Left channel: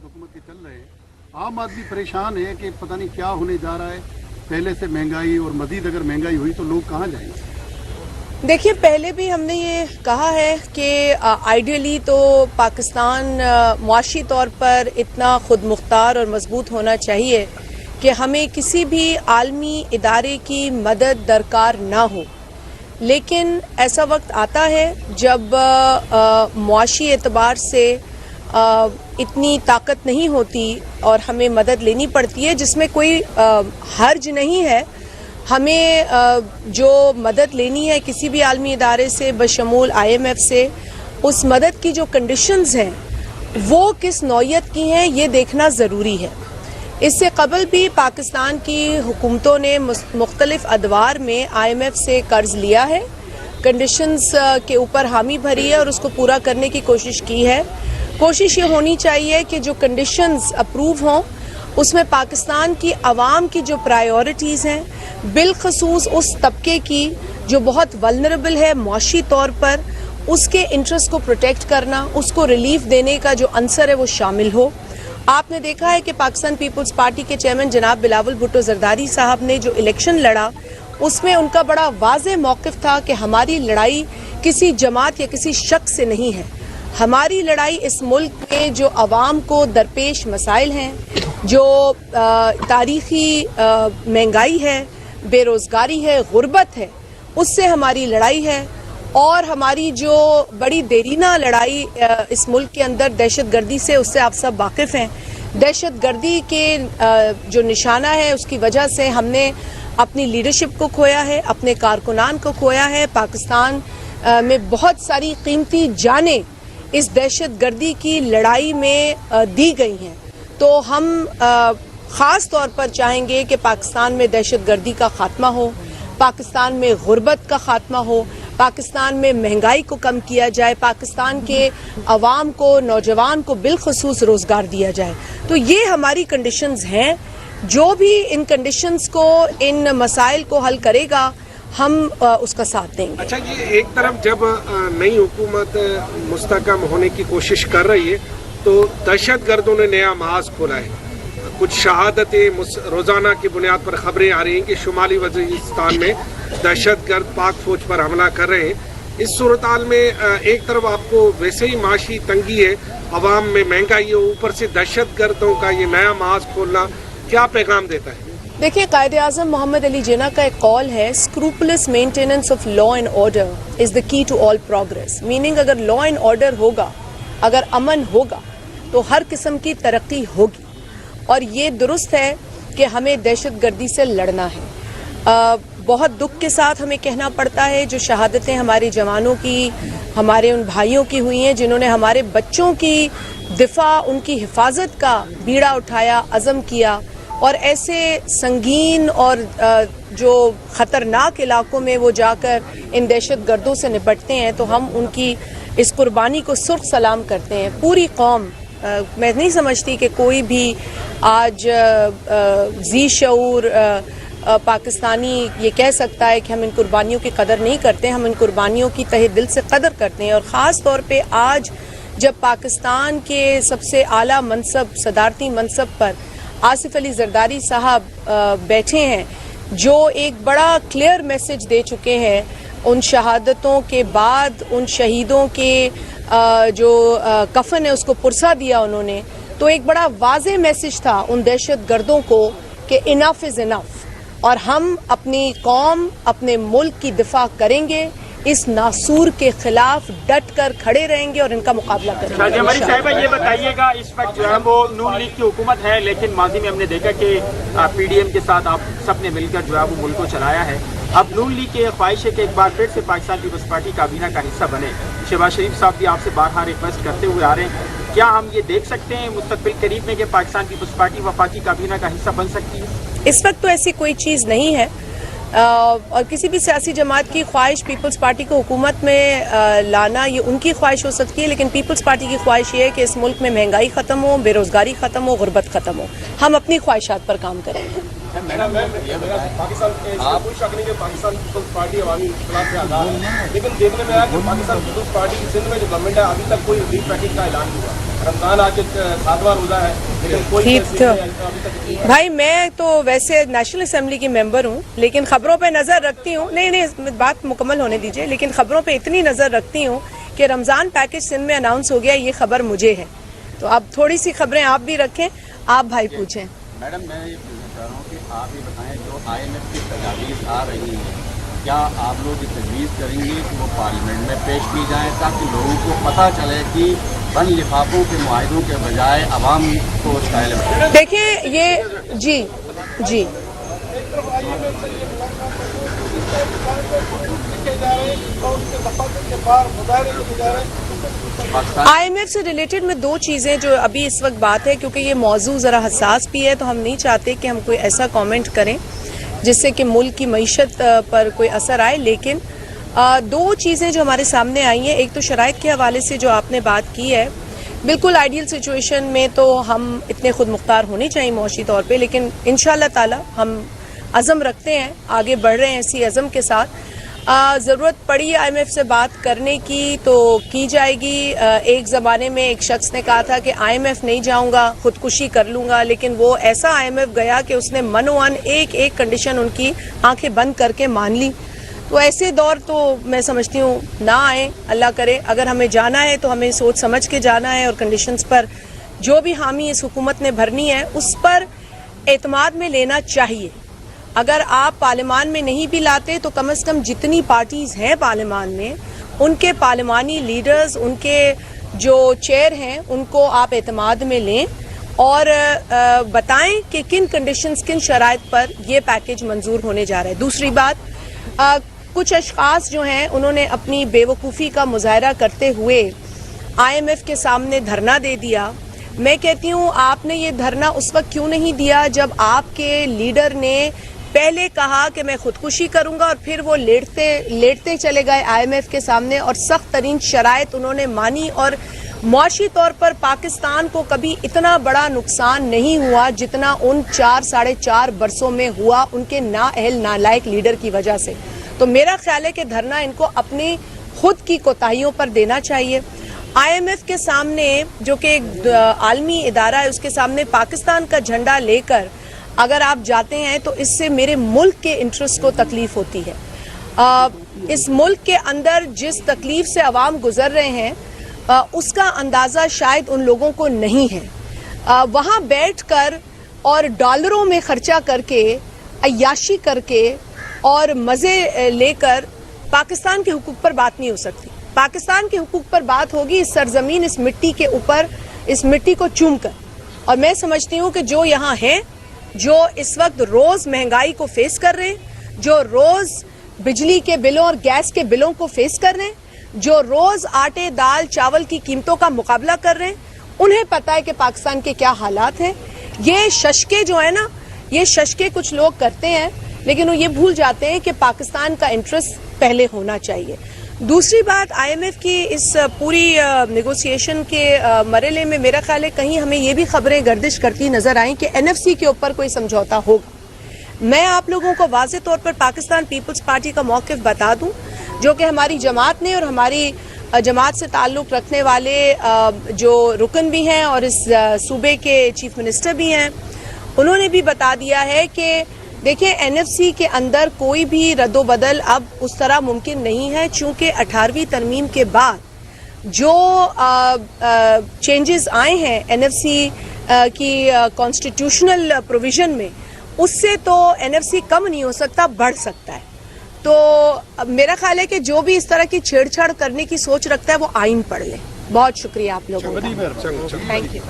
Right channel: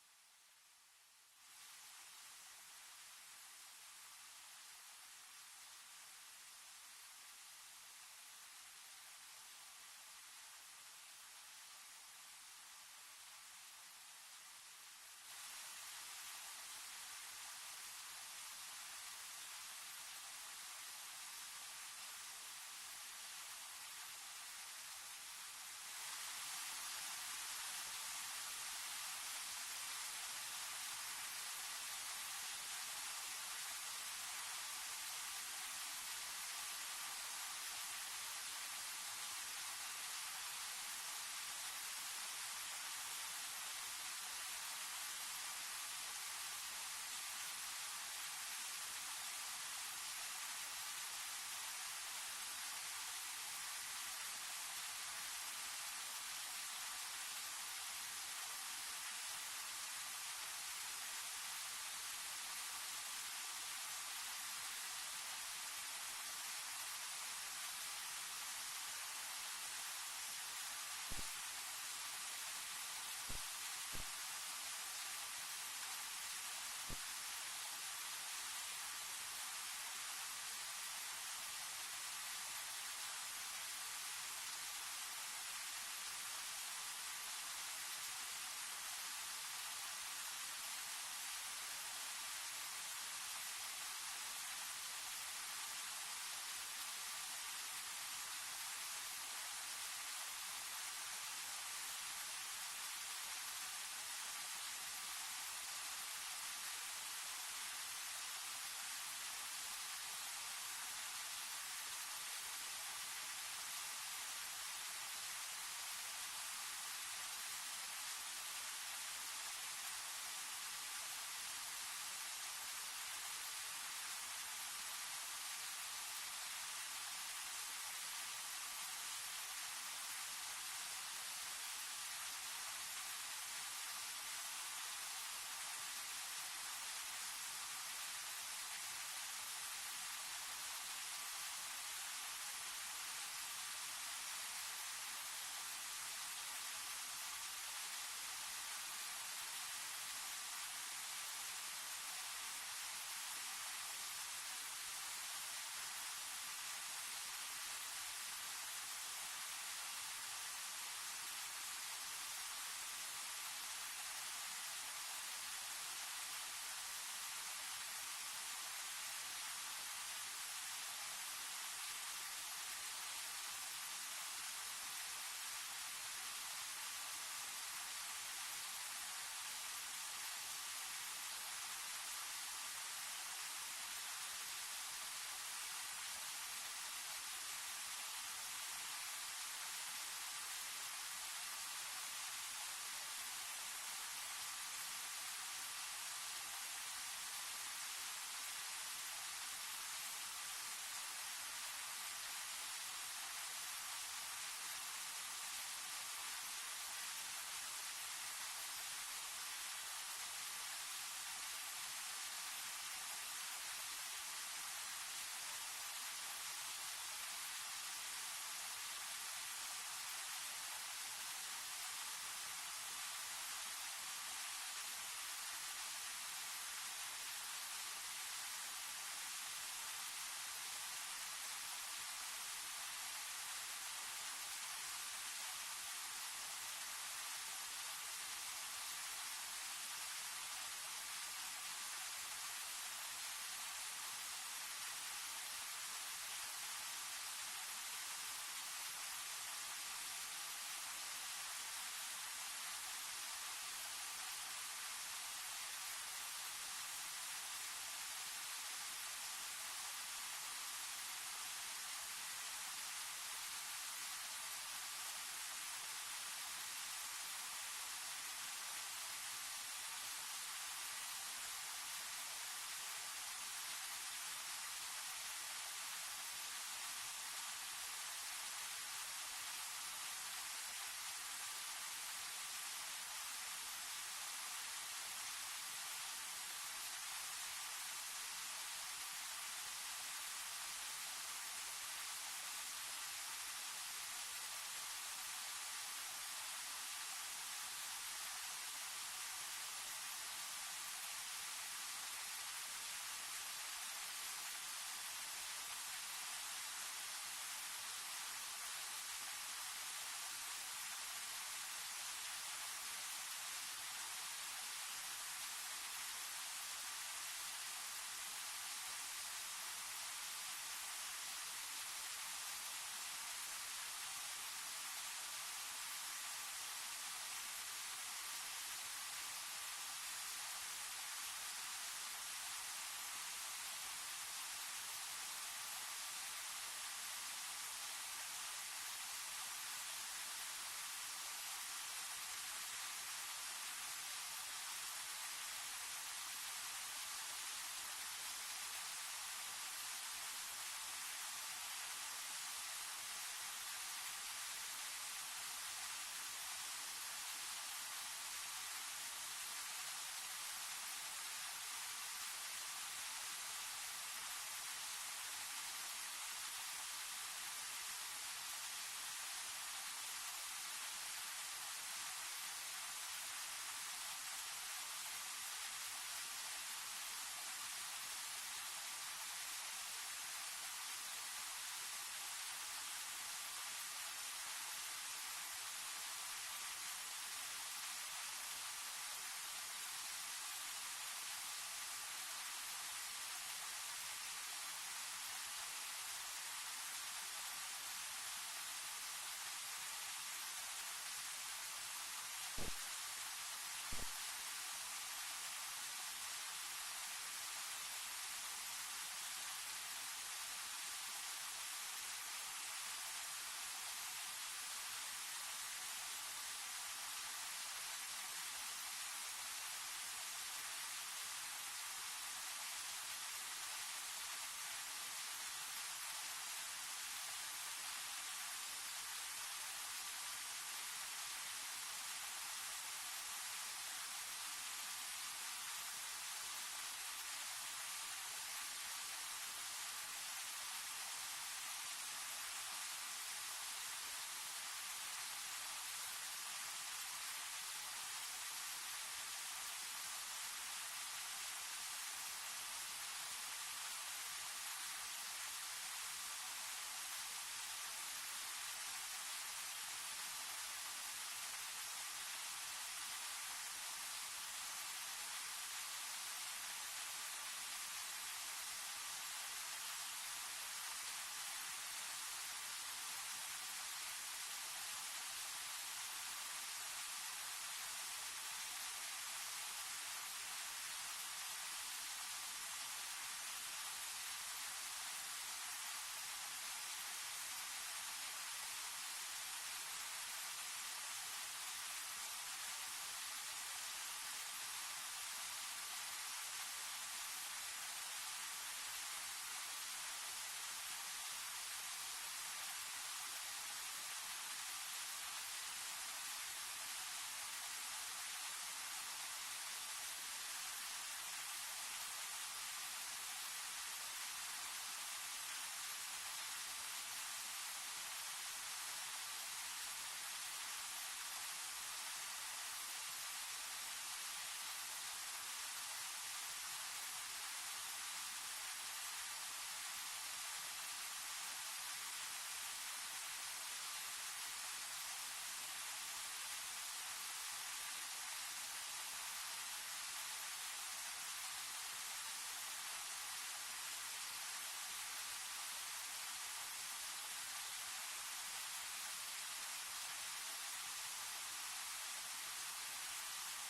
साथ हुकूमत के चल रहे हैं, आम आदमी परेशान है कि पता नहीं क्या होने जा रहा है। पहले से महंगाई और मजीद अगर महंगाई हुई तो लोग कहाँ जाएंगे? देखिए, पहले भी हमने ये कहा है कि आइडियली तो पाकिस्तान मुआशी तौर पर इतना खुद मुख्तार और मजबूत होना चाहिए कि हमें किसी भी आलमी इदारे की मदद दरकार ना हो। लेकिन ऐसा वक्त आता है जब मुआशी एतबार से इतनी ताकत नहीं होती और हमें मदद लेनी पड़ती है, जिसमें कोई हर्ज नहीं है। हमें जो मदद लेनी है किसी भी आलमी इदारे से बशमूल IMF से, उस मदद की जो कंडीशंस हैं वो किस नौयत की हैं ये देखना ज़रूरी है। इससे कबल भी पाकिस्तान की हुकूमतों ने मुख्तलिफ अदवार में IMF से कर्ज लिया है, कंडीशंस के ऊपर हामी भरी है और उसको पूरा करने की कोशिश की है। कोशिश ये होनी चाहिए कि जो कंडीशंस अप्रूव हों उसमें पाकिस्तान की आवाम की जो प्रायोरिटीज़ हैं, बिलखसूस उस तबके की जो बहुत वल्नरेबल है मुआशी तौर पर, उसके इंटरेस्ट को प्रोटेक्ट करना, उसको रिलीफ देने का जो अंसर है वो शामिल हो। आपने देखा है कि पाकिस्तान पीपल्स पार्टी के चेयरमैन जनाब बिलावल भुट्टो जरदारी साहब ने जो इलेक्शन लड़ा उसमें उनका बड़ा वाज़ेह मौक़िफ़ था कि हमारी लड़ाई किसी जमात या किसी शख्स से नहीं है। हमारी लड़ाई इस मुल्क में जो आवाम को दरपेश मसाइल हैं, जो तारीख़ी महंगाई है, बेरोज़गारी है, गुर्बत है, उससे हमारी लड़ाई है। और हमारी जो बड़ी देरीना लड़ाई इस मुल्क के अंदर दहशतगर्दी से, उससे आप सब वाकिफ़ हैं। दहशतगर्दी के जो निशाना है उसकी वजह से हमने अपनी लीडरशिप को खोया है, अपने कारकुनान को खोया है। पाकिस्तान में बहुत सारी कीमती जानें इस दहशतगर्दी की लड़ाई में दी गई हैं। तो हम ख़ास तौर पर चाहेंगे कि पाकिस्तान में दहशतगर्दी का ख़ात्मा हो, पाकिस्तान में गुर्बत का ख़ात्मा हो, पाकिस्तान में महंगाई को कम किया जाए, पाकिस्तान के अवाम को, नौजवान को बिलखसूस रोज़गार दिया जाए। तो ये हमारी कंडीशंस हैं। जो भी इन कंडीशंस को, इन मसाइल को हल करेगा हम उसका साथ देंगे। अच्छा जी, एक तरफ जब नई हुकूमत मुस्तकम होने की कोशिश कर रही है तो दहशतगर्दों ने नया महाज खोला है। कुछ शहादतें रोज़ाना की बुनियाद पर खबरें आ रही हैं कि शुमाली वज़ीरिस्तान में दहशतगर्द पाक फौज पर हमला कर रहे हैं। इस सूरत हाल में एक तरफ आपको वैसे ही माशी तंगी है, अवाम में महंगाई है, ऊपर से दहशतगर्दों का ये नया महाज खोलना क्या पैगाम देता है? देखिए, कायद-ए-आज़म मोहम्मद अली जिन्ना का एक कॉल है, scrupulous maintenance of law and order is the key to all progress. Meaning अगर लॉ एंड ऑर्डर होगा, अगर अमन होगा तो हर किस्म की तरक्की होगी। और ये दुरुस्त है कि हमें दहशतगर्दी से लड़ना है। बहुत दुख के साथ हमें कहना पड़ता है जो शहादतें हमारे जवानों की, हमारे उन भाइयों की हुई हैं जिन्होंने हमारे बच्चों की दिफा, उनकी हिफाजत का बीड़ा उठाया, अज़म किया और ऐसे संगीन और जो ख़तरनाक इलाकों में वो जाकर इन दहशतगर्दों से निपटते हैं, तो हम उनकी इस कुर्बानी को सुर्ख सलाम करते हैं। पूरी कौम, मैं नहीं समझती कि कोई भी आज जी शऊर पाकिस्तानी ये कह सकता है कि हम इन कुर्बानियों की कदर नहीं करते। हम इन कुर्बानियों की तहे दिल से कदर करते हैं। और ख़ास तौर पे आज जब पाकिस्तान के सबसे आला मनसब, सदारती मनसब पर आसिफ अली जरदारी साहब बैठे हैं, जो एक बड़ा क्लियर मैसेज दे चुके हैं उन शहादतों के बाद, उन शहीदों के जो कफन है उसको पुरसा दिया उन्होंने, तो एक बड़ा वाज़ेह मैसेज था उन दहशतगर्दों को कि इनफ इज़ इनफ और हम अपनी कौम, अपने मुल्क की दिफा करेंगे, इस नासूर के खिलाफ डट कर खड़े रहेंगे और इनका मुकाबला करेंगे। हमारी साहिबा ये बताइएगा, इस वक्त जो है वो नून लीग की हुकूमत है, लेकिन माजी में हमने देखा कि PDM के साथ आप सबने मिलकर जो है वो मुल्क को चलाया है। अब नून लीग की ख्वाहिश है कि एक बार फिर से पाकिस्तान पीपल्स पार्टी काबीना का हिस्सा बने। शहबाज शरीफ साहब भी आपसे बारहा रिक्वेस्ट करते हुए आ रहे हैं, क्या हम ये देख सकते हैं मुस्तकबिल करीब में कि पाकिस्तान पीपल्स पार्टी वफाकी काबीना का हिस्सा बन सकती है? इस वक्त तो ऐसी कोई चीज़ नहीं है और किसी भी सियासी जमात की ख्वाहिश पीपल्स पार्टी को हुकूमत में लाना ये उनकी ख्वाहिश हो सकती है, लेकिन पीपल्स पार्टी की ख्वाहिश ये है कि इस मुल्क में महंगाई ख़त्म हो, बेरोज़गारी ख़त्म हो, गुर्बत ख़त्म हो। हम अपनी ख्वाहिशात पर काम करेंगे। पाकिस्तान कोई शक नहीं कि पाकिस्तान पीपल्स पार्टी अवामी इख्तिलाफ से आज़ाद है, लेकिन देखने में आया कि पाकिस्तान पीपल्स पार्टी की सिंध में जो गवर्नमेंट है अभी तक कोई रिलीफ पैकेज का ऐलान नहीं हुआ। रमजान आके 7वां रोजा है, लेकिन कोई ठीक तस्वीर तो अभी तक नहीं। भाई मैं तो वैसे नेशनल असेंबली की मेंबर हूँ, लेकिन खबरों पे नज़र रखती हूँ। नहीं बात मुकम्मल होने दीजिए। लेकिन खबरों पे इतनी नज़र रखती हूँ कि रमज़ान पैकेज सिंध में अनाउंस हो गया, ये खबर मुझे है। तो अब थोड़ी सी खबरें आप भी रखें। आप भाई पूछें। मैडम मैं ये पूछना चाह रहा हूँ कि आप ये बताएं, जो IMF की तजावीज़ आ रही हैं, क्या आप लोग ये तजवीज़ करेंगे कि वो पार्लियामेंट में पेश की जाएँ, ताकि लोगों को पता चले कि बंद लिफाफों के मुआहिदों के बजाय आवाम को स्टाइल में। देखिए ये जी IMF से रिलेटेड में दो चीज़ें जो अभी इस वक्त बात है, क्योंकि ये मौजू ज़रा हसास भी है, तो हम नहीं चाहते कि हम कोई ऐसा कमेंट करें जिससे कि मुल्क की मईशत पर कोई असर आए। लेकिन दो चीज़ें जो हमारे सामने आई हैं, एक तो शराइत के हवाले से जो आपने बात की है, बिल्कुल आइडियल सिचुएशन में तो हम इतने खुद मुख्तार होने चाहिए मौशी तौर पे, लेकिन इंशाल्लाह ताला हम अज़म रखते हैं, आगे बढ़ रहे हैं इसी अज़म के साथ। ज़रूरत पड़ी IMF से बात करने की तो की जाएगी। एक ज़माने में एक शख्स ने कहा था कि IMF नहीं जाऊंगा, खुदकुशी कर लूँगा, लेकिन वो ऐसा IMF गया कि उसने मनोवन एक एक कंडीशन उनकी आंखें बंद करके मान ली। तो ऐसे दौर तो मैं समझती हूँ ना आए, अल्लाह करे। अगर हमें जाना है तो हमें सोच समझ के जाना है, और कंडीशंस पर जो भी हामी इस हुकूमत ने भरनी है उस पर एतमाद में लेना चाहिए। अगर आप पार्लियामान में नहीं भी लाते तो कम से कम जितनी पार्टीज़ हैं पार्लियामान में, उनके पार्लियामानी लीडर्स, उनके जो चेयर हैं, उनको आप एतमाद में लें और बताएं कि किन कंडीशंस, किन शराइत पर ये पैकेज मंजूर होने जा रहा है। दूसरी बात, कुछ अशखास जो हैं उन्होंने अपनी बेवकूफ़ी का मुजाहरा करते हुए IMF के सामने धरना दे दिया। मैं कहती हूँ आपने ये धरना उस वक्त क्यों नहीं दिया जब आपके लीडर ने पहले कहा कि मैं खुदकुशी करूंगा, और फिर वो लेटते चले गए IMF के सामने और सख्त तरीन शराइत उन्होंने मानी, और मुआशी तौर पर पाकिस्तान को कभी इतना बड़ा नुकसान नहीं हुआ जितना उन 4-4.5 बरसों में हुआ उनके नाअहल नालायक लीडर की वजह से। तो मेरा ख्याल है कि धरना इनको अपनी खुद की कोताहियों पर देना चाहिए। IMF के सामने, जो कि एक आलमी इदारा है, उसके सामने पाकिस्तान का झंडा लेकर अगर आप जाते हैं तो इससे मेरे मुल्क के इंटरेस्ट को तकलीफ होती है। इस मुल्क के अंदर जिस तकलीफ से अवाम गुजर रहे हैं उसका अंदाज़ा शायद उन लोगों को नहीं है। वहाँ बैठकर और डॉलरों में ख़र्चा करके, अय्याशी करके और मज़े लेकर पाकिस्तान के हुकूक पर बात नहीं हो सकती। पाकिस्तान के हुकूक पर बात होगी इस सरजमीन, इस मिट्टी के ऊपर, इस मिट्टी को चूम कर। और मैं समझती हूँ कि जो यहाँ हैं, जो इस वक्त रोज़ महंगाई को फेस कर रहे हैं, जो रोज़ बिजली के बिलों और गैस के बिलों को फेस कर रहे हैं, जो रोज़ आटे, दाल, चावल की कीमतों का मुकाबला कर रहे हैं, उन्हें पता है कि पाकिस्तान के क्या हालात हैं। ये शशके जो है ना, ये शशके कुछ लोग करते हैं, लेकिन वो ये भूल जाते हैं कि पाकिस्तान का इंटरेस्ट पहले होना चाहिए। दूसरी बात, IMF की इस पूरी नेगोशिएशन के मरहले में मेरा ख्याल है कहीं हमें ये भी खबरें गर्दिश करती नज़र आई कि NFC के ऊपर कोई समझौता होगा। मैं आप लोगों को वाज़े तौर पर पाकिस्तान पीपल्स पार्टी का मौक़िफ़ बता दूं, जो कि हमारी जमात ने और हमारी जमात से ताल्लुक़ रखने वाले जो रुकन भी हैं और इस सूबे के चीफ मिनिस्टर भी हैं, उन्होंने भी बता दिया है कि देखिए NFC के अंदर कोई भी रद्दोबदल अब उस तरह मुमकिन नहीं है, चूँकि 18वीं तरमीम के बाद जो चेंजेस आए हैं NFC की कॉन्स्टिट्यूशनल प्रोविज़न में, उससे तो NFC कम नहीं हो सकता, बढ़ सकता है। तो मेरा ख्याल है कि जो भी इस तरह की छेड़छाड़ करने की सोच रखता है वो आइन पढ़ ले। बहुत शुक्रिया आप लोगों का, थैंक यू।